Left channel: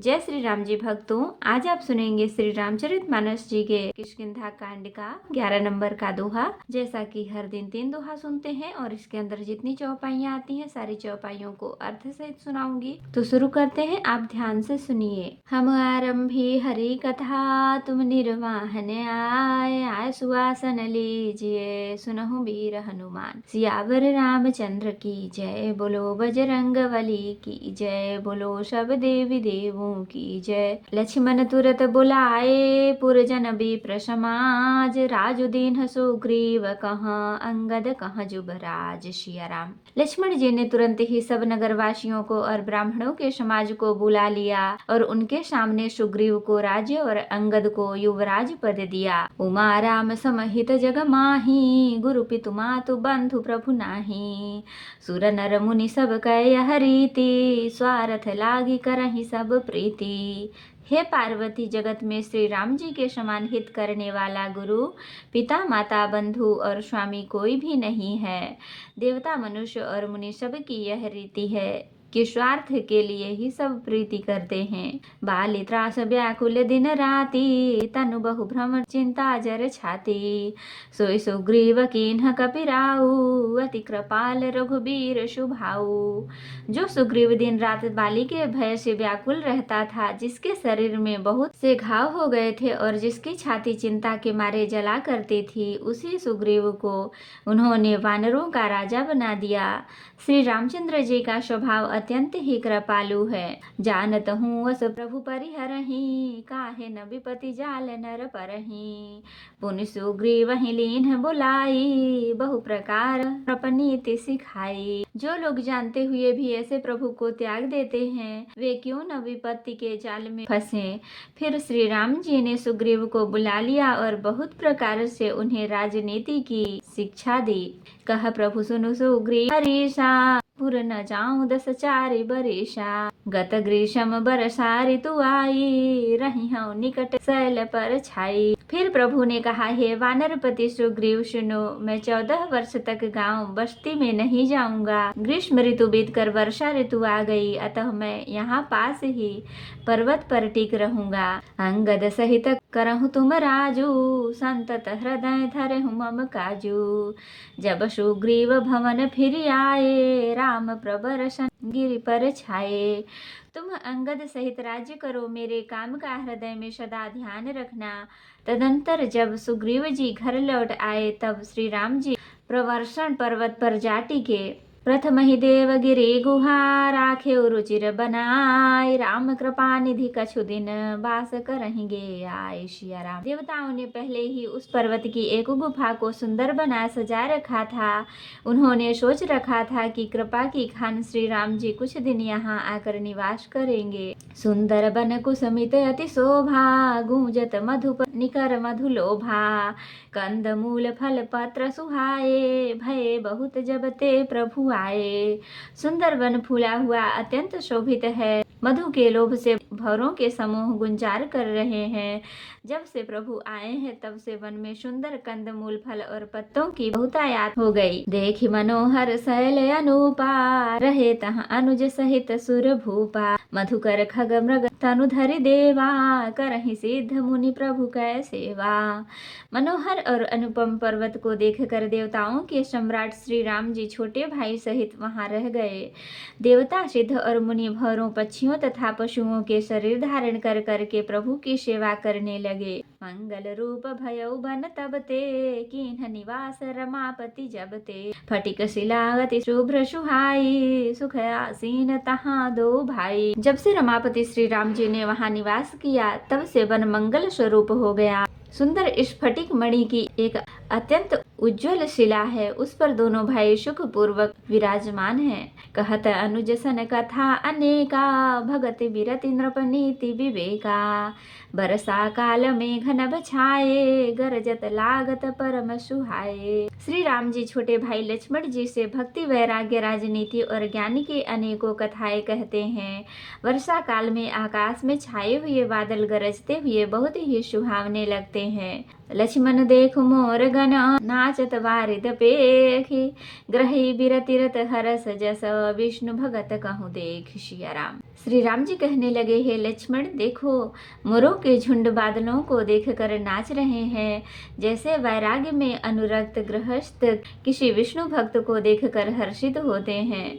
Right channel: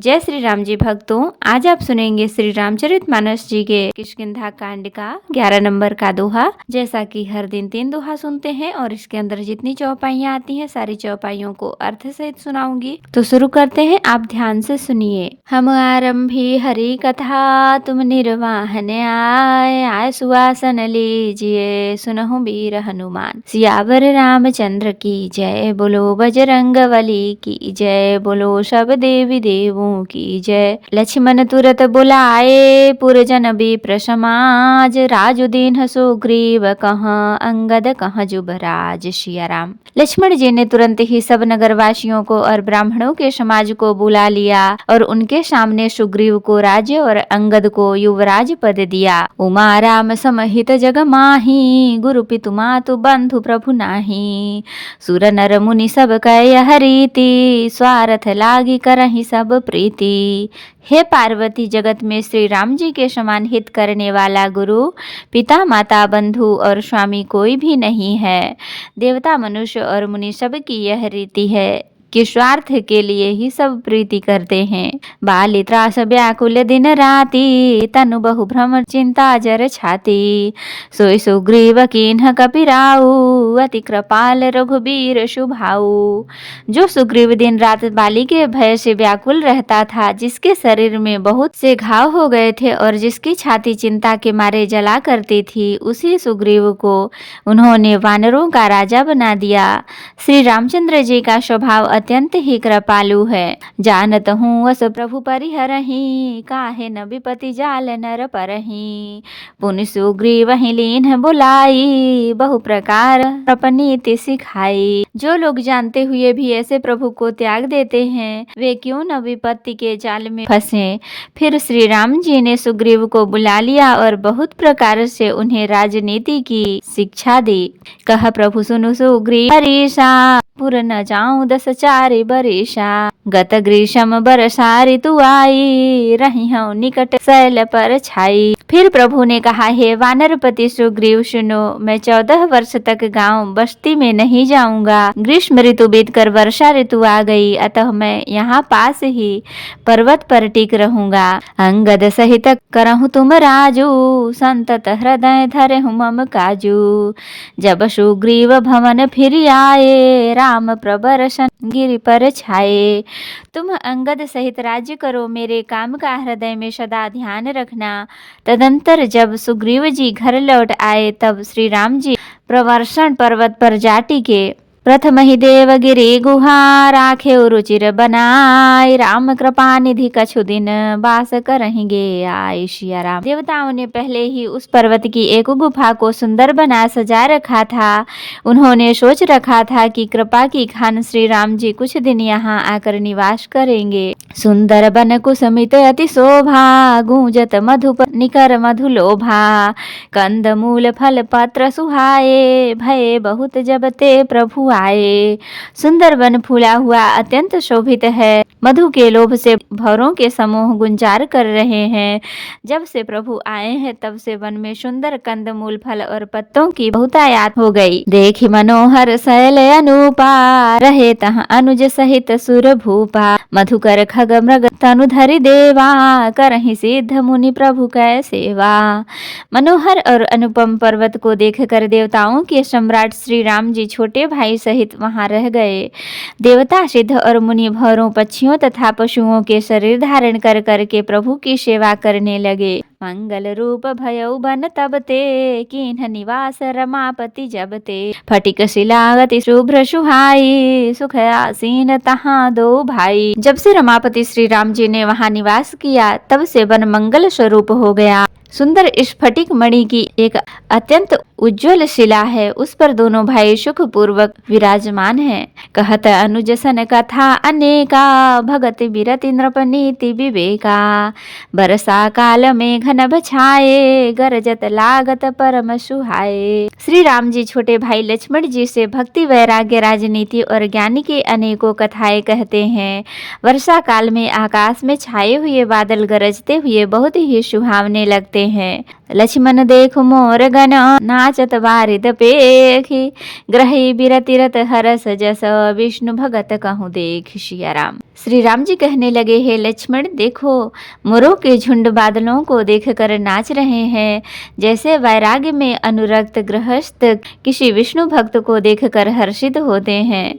जय श्री राम जी भक्तों, आज आप सुनेंगे श्री रामचरितमानस जी के किष्किंधा कांड का 11 नंबर का दोहा। जैसा कि हर दिन 3 दोहा सुनते हैं और इसके अंदर जितनी चौपाइयाँ आती हैं सारी चौपाइयों को अर्थ सहित सुनाऊंगी। तो शुरू करते हैं, आप ध्यान से सुनिए। हम आरंभी हरि कथा, तुम निर्वाहन आय सुवासन लीजिए, सुनहु वीर हनुमान। सियावर रामचंद्र की जय, बोलो बजरंगबली की जय, बोलो सब देवी देवों की जय। लक्ष्मण तुरत बुलाए, पुरजन विप्र समाज, राजुदीन सुग्रीव कहाँ, अंगद कहाँ जुबराज। सिया राम। लक्ष्मण जी ने तुरंत ही सब नगरवासियों को और ब्राह्मणों के समाज को बुला लिया और उनके सामने सुग्रीव को राज्य और अंगद को युवराज पद दिया। उमा राम समहित जग माही, गुरु पितु मातु बंधु प्रभु नाही। सुर नर मुनि सब कह रीति, स्वार्थ लागी करहि सब प्रीति। हे पार्वती, जगत में श्री राम जी के समान हित करने वाला गुरु, पिता माता बंधु और स्वामी कोई भी नहीं है। देवता मनुष्य और मुनि सब की यह रीति है कि स्वार्थ के लिए ही सब प्रीति करते हैं। बाली त्रास व्याकुल दिन राति, तनु बहु भ्रम चिंता जर छाती। सोई सुग्रीव कीन्ह कपिराऊ, अति कृपाल रघुबीर शुभाऊ। जो सुग्रीव दिन रात बाली के भय से व्याकुल रहता था, जिसके शरीर में बहुत से घाव हो गए थे और जिसकी छाती चिंता के मारे जला करती थी, उसी सुग्रीव को उन्होंने वानरों का राजा बना दिया। श्री रामचंद्र जी का स्वभाव अत्यंत ही कृपालु है। जानत हूँ वस प्रभु परिहरहि, काहे न विपति जाल नर परहि। पुनि सुग्रीव ही लीन्ह बुलाई, बहु प्रकार अपनीति सिखाई। जो लोग जानते हुए भी ऐसे प्रभु को त्याग देते हैं, वे क्यों न विपत्ति के जाल में फंसे। फिर श्री राम जी ने सुग्रीव को बुला लिया और बहुत प्रकार से उन्हें राजनीति की शिक्षा दी। कह प्रभु सुनु सुग्रीव हरीशा, पुर न जाऊं 10 चारि बरिशा। गत ग्रीष्म बरसा ऋतु आई, रही हूँ निकट शैल पर छाई। फिर प्रभु ने कहा, हे वानरपति सुग्रीव सुनो, मैं 14 वर्ष तक गांव बस्ती में नहीं जाऊंगा। ग्रीष्म ऋतु बीतकर वर्षा ऋतु आ गई, अतः मैं यहाँ पास ही पर्वत पर टिक रहूंगा। अंगद सहित करहु तुम राजू, संतत हृदय धरे हूँ मम काजू। जब सुग्रीव भवन फिर आए, राम प्रबरसन गिरि पर छाए। तुम अंगद सहित राज्य करो, मेरे काम का हृदय में सदा ध्यान रखना। तदंतर जब सुग्रीव जी घर लौट आए, तब श्री राम जी प्रवर्षण पर्वत पर जा टिके। प्रथम ही देवगिरि गुहा, राखे रुचिर बनाए। राम कृपा निधि कछु दिन, वास करेंगे आय। सिया राम। देवताओं ने पहले ही उस पर्वत की एक गुफा को सुंदर बना सजा रखा था। उन्होंने सोच रखा था कि कृपा की खान श्री राम जी कुछ दिन यहाँ आकर निवास करेंगे। सुंदर बन कुसुमित अति शोभा, गूंजत मधुप निकर मधुलोभा। कंद मूल फल पत्र सुहाए, भय बहुत जब ते प्रभु आए। सुंदर वन फूला हुआ अत्यंत शोभित है, मधु के लोभ से भौरों के समूह गुंजार कर रहे हैं। जब से प्रभु आए हैं, तब से वन में सुंदर कंद मूल फल और पत्तों की बहुतायात हो गई। देखी मनोहर शैल अनूपा, रहे तहाँ अनुज सहित सुर भूपा। मधुकर खग मृग तनु धरि देवा, करहि सिद्ध मुनि प्रभु कै सेवा। मनोहर और अनुपम पर्वत को देखकर देवताओं के सम्राट श्री राम जी छोटे भाई सहित वहां रह गए। देवता सिद्ध और मुनि भौरों पक्षियों तथा पशुओं के शरीर धारण कर करके प्रभु की सेवा करने लगे। मंगल रूप भयउ बन तब ते, कीन्ह निवास रमापति जब ते। फटिक शिलागति शुभ्र सुहाई, सुख आसीन तहाँ दो भाई। जब से रमापति श्री राम जी ने वहां निवास किया, तब से वन मंगल स्वरूप हो गया। सुंदर स्फटिक मणि की एक अत्यंत उज्ज्वल शिला है, उस पर दोनों भाई सुख पूर्वक विराजमान हैं। कहत अनुज सन कथा अनेका, भगति बिरति नृपनीति विवेका। बरसा काल में घन छाए, गरजत लागत परम सुहाए। श्री राम जी छोटे भाई लक्ष्मण जी से भक्ति वैराग्य राजनीति और ज्ञान की अनेकों कथाएं कहते हैं। वर्षा काल में आकाश में छाए हुए बादल गरजते हुए बहुत ही सुहावने लगते हैं। लक्ष्मण देखु मोर गण नाचत बारिद पेखी ग्रही बिरतिरत हरस जस विष्णु भगत कहूँ देख। सिया राम। श्री राम जी कहने लगे, हे लक्ष्मण देखो, मोरों के झुंड बादलों को देखकर नाच रहे हैं, जैसे वैराग्य में अनुरक्त गृहस्थ किसी विष्णु भक्त को देखकर हर्षित होते हैं।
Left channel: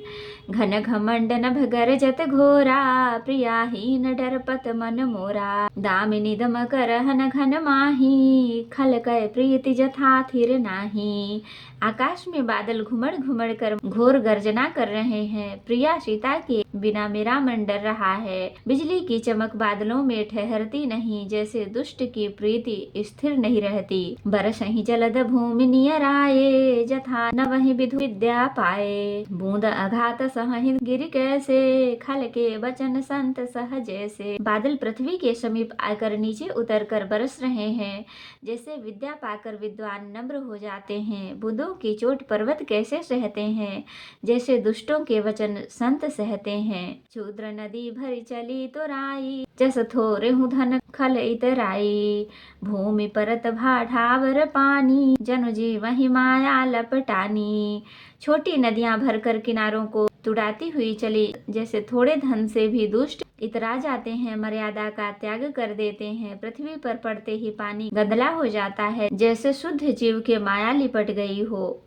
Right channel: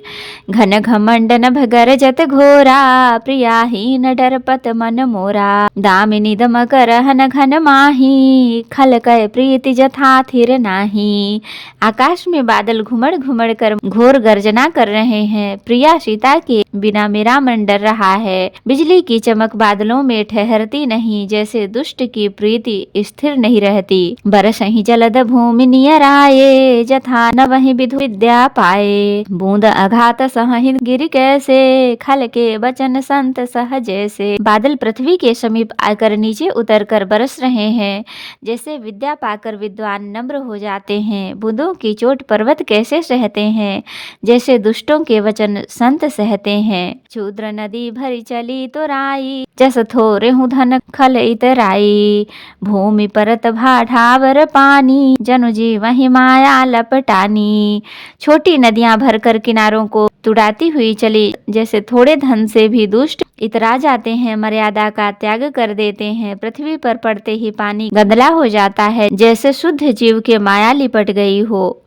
घन घमंड नभ गरजत घोरा प्रियाहीन डरपत मन मोरा दामिनी दमकर हन घन माही खल कय प्रीति जथा थिर नाही। आकाश में बादल घुमड़ घुमड़ कर घोर गर्जना कर रहे हैं। प्रिया सीता के बिना मेरा मन डर रहा है। बिजली की चमक बादलों में ठहरती नहीं, जैसे दुष्ट की प्रीति स्थिर नहीं रहती। बरसहि जलद भूमि नियर आए जथा न वही विधु विद्या पाए। बूंद अघात सहहि गिर कैसे खल के बचन संत सह जैसे। बादल पृथ्वी के समीप आकर नीचे उतरकर बरस रहे हैं, जैसे विद्या पाकर विद्वान नम्र हो जाते हैं। बूंदों की चोट पर्वत कैसे सहते हैं, जैसे दुष्टों के वचन संत सहते हैं। क्षुद्र नदी भरी चली तो राई जस थोरे हूँ धन खल इतराई। भूमि परत भाठावर पानी जनु जी वही माया लपटानी। छोटी नदियां भरकर किनारों को तुड़ाती हुई चली, जैसे थोड़े धन से भी दुष्ट इतरा जाते हैं, मर्यादा का त्याग कर देते हैं। पृथ्वी पर पड़ते ही पानी गंदला हो जाता है, जैसे शुद्ध जीव के माया लिपट गई हो।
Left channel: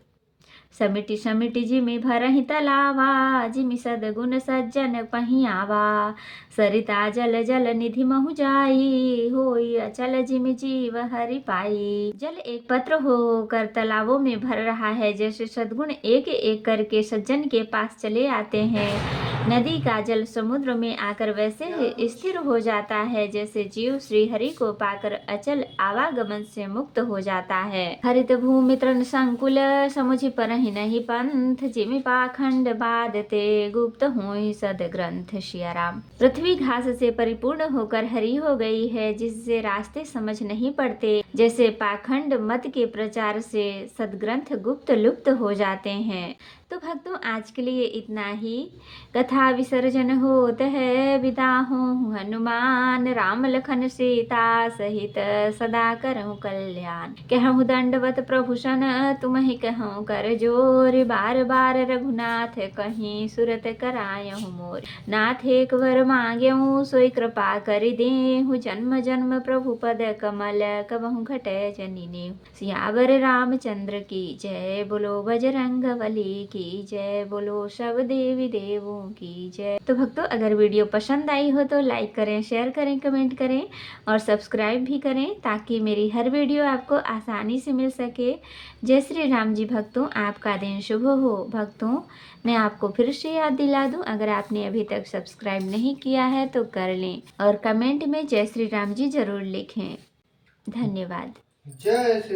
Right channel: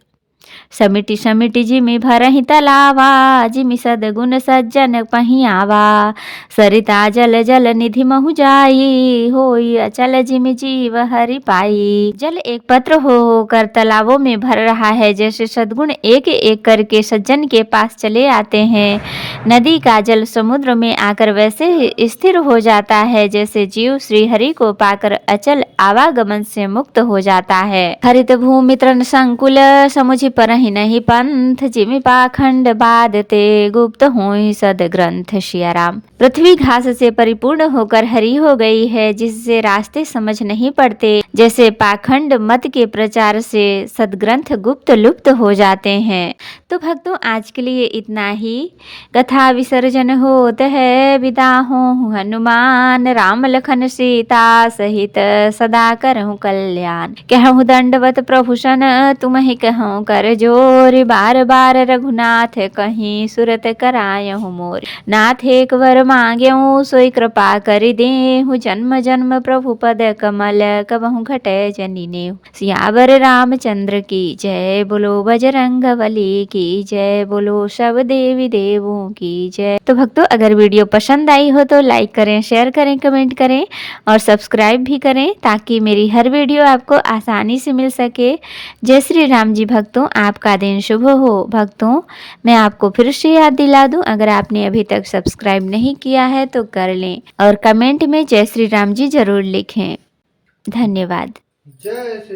समिति समिति जिमि भरहि तलावा जिमि सदगुण सज्जन पहियावा। सरिता जल जल निधि महु जाई होई अचल जिमि जीव हरि पाई। जल एक पत्र होकर तालाबों में भर रहा है, जैसे सद्गुण एक एक करके सज्जन के पास चले आते हैं। नदी का जल समुद्र में आकर वैसे ही स्थिर हो जाता है, जैसे जीव श्री हरि को पाकर अचल आवागमन से मुक्त हो जाता है। हरित भूमि तृण संकुल समुझि परहि नहीं पंथ जिमि पाखंड बादते गुप्त होई सद ग्रंथ। सिया राम। पृथ्वी घास से परिपूर्ण होकर हरी हो गई है, जिससे रास्ते समझ नहीं पड़ते, जैसे पाखंड मत के प्रचार से सदग्रंथ गुप्त लुप्त हो जाते हैं। तो भक्तों, आज के लिए इतना ही। कथा विसर्जन होत है, विदा हों हनुमान राम लखन सीता सहित सदा करहु कल्याण। कहूँ दंडवत प्रभु सन तुम्हि कहूँ कर जोर बार बार रघुनाथ कहीं सुरत करायहु मोर। नाथ एक वर मांग्यऊ सोई कृपा करि देहु जन्म जन्म प्रभु पद कमल कबहु घटै जनि नेहु। सियावर रामचंद्र की जय, बोलो बजरंग बली की जय, बोलो सब देवी देवों की जय। तो भक्तों, अगर वीडियो पसंद आई हो तो लाइक करें, शेयर करें, कमेंट करें और सब्सक्राइब भी करें, ताकि मेरी हर वीडियो आपको आसानी से मिल सके। जय श्री राम जी। भक्तों, आपका दिन शुभ हो। भक्तों, मैं आपको फिर से याद दिला दूं, अगर आपने अभी तक सब्सक्राइब नहीं किया है तो कर लें और कमेंट में जय श्री राम जी जरूर लिखें। धन्यवाद। जय श्री